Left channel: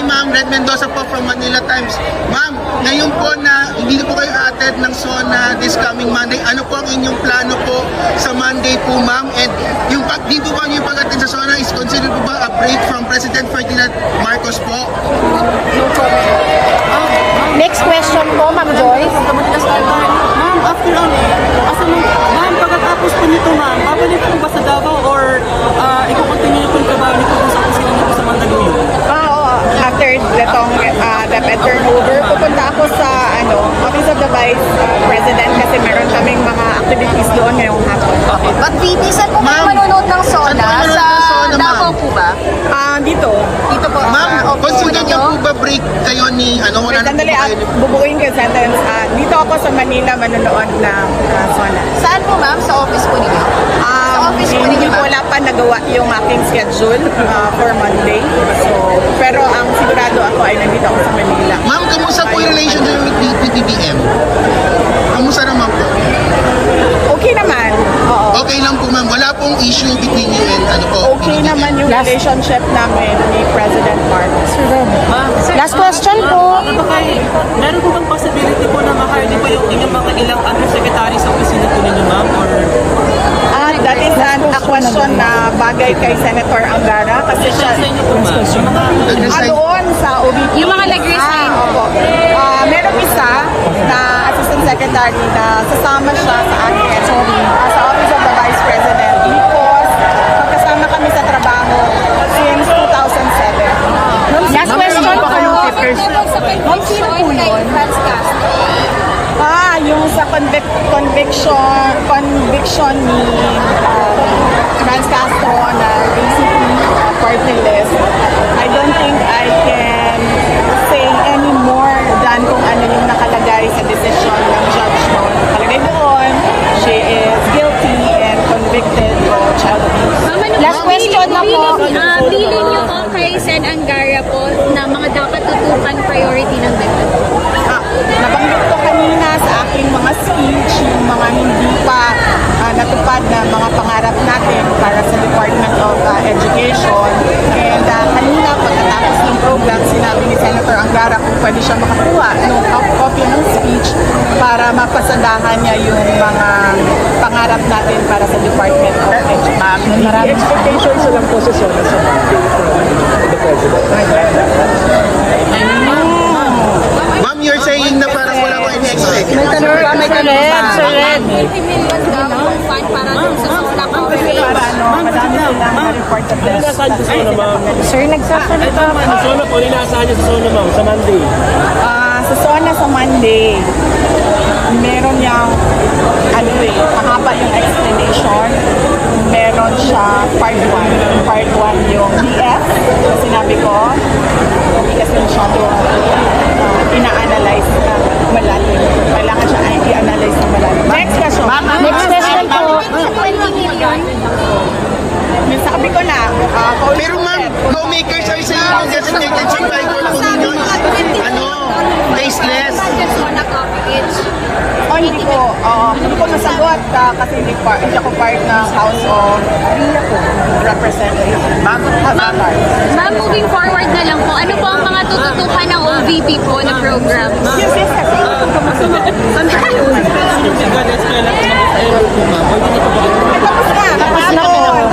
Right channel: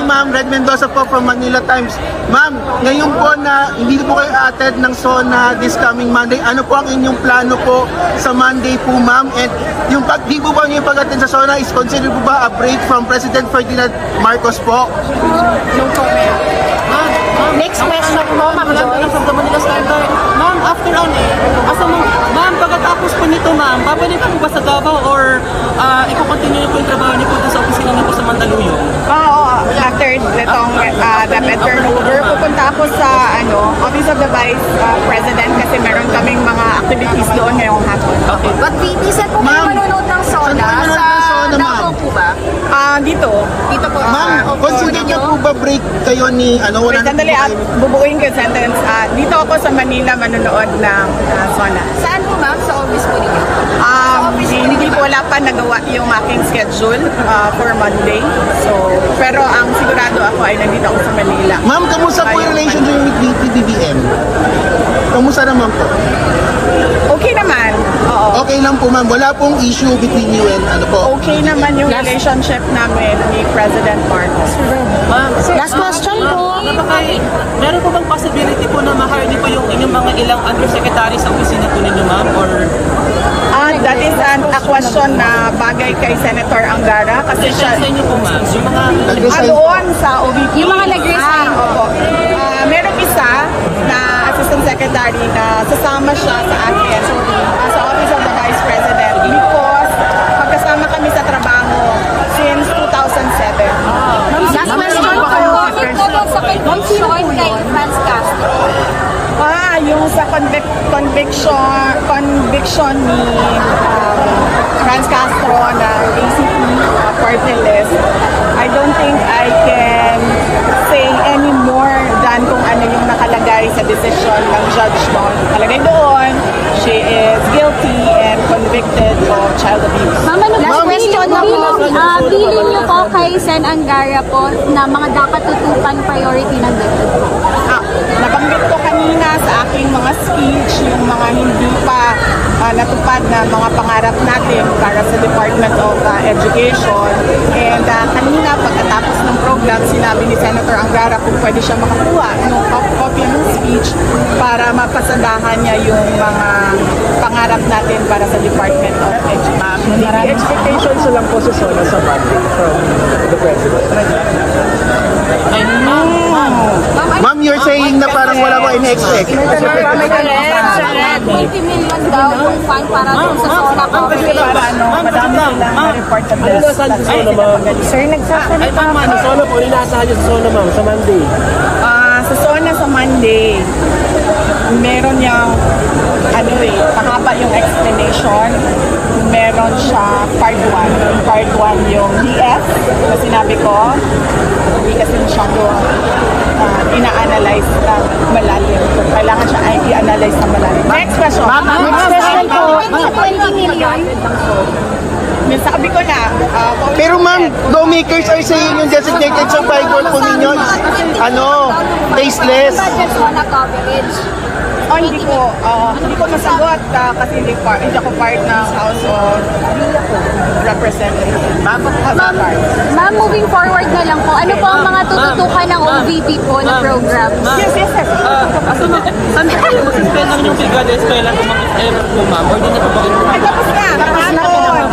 Hi ma'am, Red Mendoza po from Manila Times. Ma'am, ngayon po na hindi po kayo attend ng SONA this coming Monday, ano po ang inyong plano po sa Monday po ma'am? And yung di po ba yung pag-attend sa SONA is considered po ba a break from President Ferdinand Marcos po? No comment. Next question po, Ma'am Joyce. Ma'am, after ma'am, pagkatapos po nito ma'am, babalik po ba sa Davao or ikukontinue po yung trabaho nito sa opisina nito sa Mandaluyong? Oo, after itong DepEd turnover, pupunta ako sa Office of the Vice President kasi meron kaming mga activities doon ngayong hapon. At VP, saan po Ma'am, kayo manonood ng SONA? ano kayo manonood ng SONA, ma'am? Davao po ba? Dito. Ma'am, consider niyo po ba break kayo ni wala Wait, sandali at bubuuin ko yung sentence. Dito ako sa Manila manonood ng SONA. Saan po ma'am? Sa office po nila? Hindi po wala pa nagawa yung aking schedule for Monday. So, pero ang sigurado ako ay nandito ako sa Manila. Ma'am, kamusta po yung relationship with PBBM? Kamusta naman po? Okay naman. Oo. Okay lang po ma'am, wala pong issue between you and ano po? Okay naman yung relationship namin ni President Marcos. Last question po. Meron po bang possibility po na ma-hire niyo po yung inyong mga ilang undersecretary sa opisina po ninyo ma'am? Or That is a question na bagay kay Senator Angara kasi siya sa inyo po ma'am? doon sa OVP. Yung mga nag-resign. Opo. Meron isa na Assistant Secretary na sasama siya sa akin sa Office of the Vice President because magkasama kami sa trabaho since 2007. Last question po. Bakit na daw sa conviction kay Franz Castro? Yung sa conviction ni Franz Castro na basically party list, I don't think I can say any more than kung ano yung nakalagay sa decision ng judge noon. Nakalagay doon, she is guilty and convicted of child abuse. Ma'am, last question na po. Bilin niyo po kay Sen Angara po na mga dapat tutupan priority ng DepEd po. Nabanggit ko kanina sa aking mga speech yung mga hindi pa natupad na mga pangarap natin para sa Department of Education. And kanina pagkatapos ng program, sinabi ni Senator Angara kung pwede siya makakuha ng kopya ng speech para mapasadahan niya yung mga pangarap natin para sa Department of Education. Maraming Expectations lang po sa Ma'am, you're saying na parang wala pa in-expect. Sir Red. 20 million daw yung fund para dun sa SONA Kasi coverage. para madami silang na-report na deaths. Nasaan sa SONA, ma'am? Sir, nagsasalita Sa po. SONA po, inaasahan niyo sa SONA, ma'am, sa Monday. Sa SONA sa Monday, meron niyang mahaba yung explanation. Meron siya part 1. Part 1 yung DF na sinabi ko. Hindi kasi masyado ina-analyze ng malalim. Kailangan siya ay i-analyze ng malalim. Next question. Next question po. Sabi ko na, Pero ma'am, lawmakers are saying yung designated sa Bible po ninyo is, tasteless. SONA coverage. hindi ko masagot kasi hindi ako part ng House of Representatives. Ma'am, moving forward na lang po, ano po ang mga tututukan ng OVP po na program? Yes, sir. Ay, tapos na. Kahapon.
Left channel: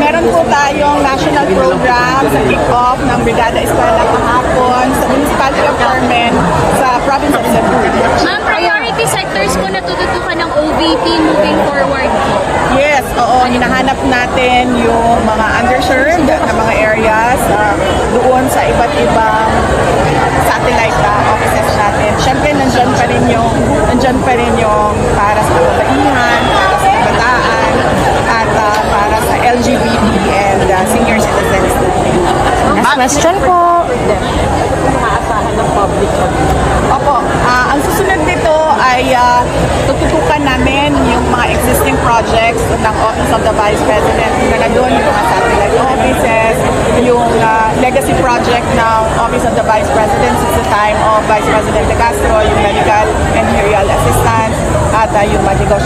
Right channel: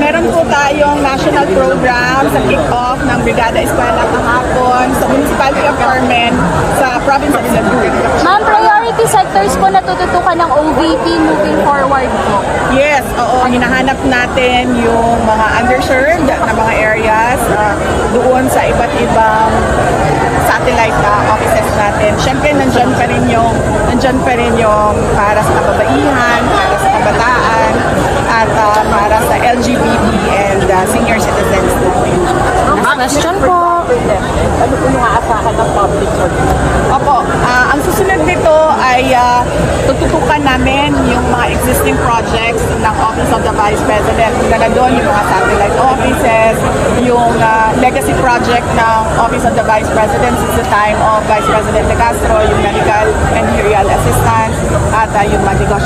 Meron po tayong national program sa kick-off ng Brigada Eskwela kahapon sa Municipality of Carmen sa province of Cebu. Ma'am, priority sectors po na tututukan ng OVP moving forward po. Yes, oo. Hinahanap natin yung mga underserved na mga areas doon sa iba't ibang satellite offices natin. Siyempre, nandyan pa rin yung para sa kababaihan, para sa kabataan, at para sa LGBT and senior citizens natin. Next question po. Opo, ang susunod nito ay tututukan namin yung mga existing projects ng Office of the Vice President. Na doon yung mga satellite offices, yung legacy project ng Office of the Vice President since the time of Vice President De Castro, yung medical and burial assistance, at yung mga negosyo.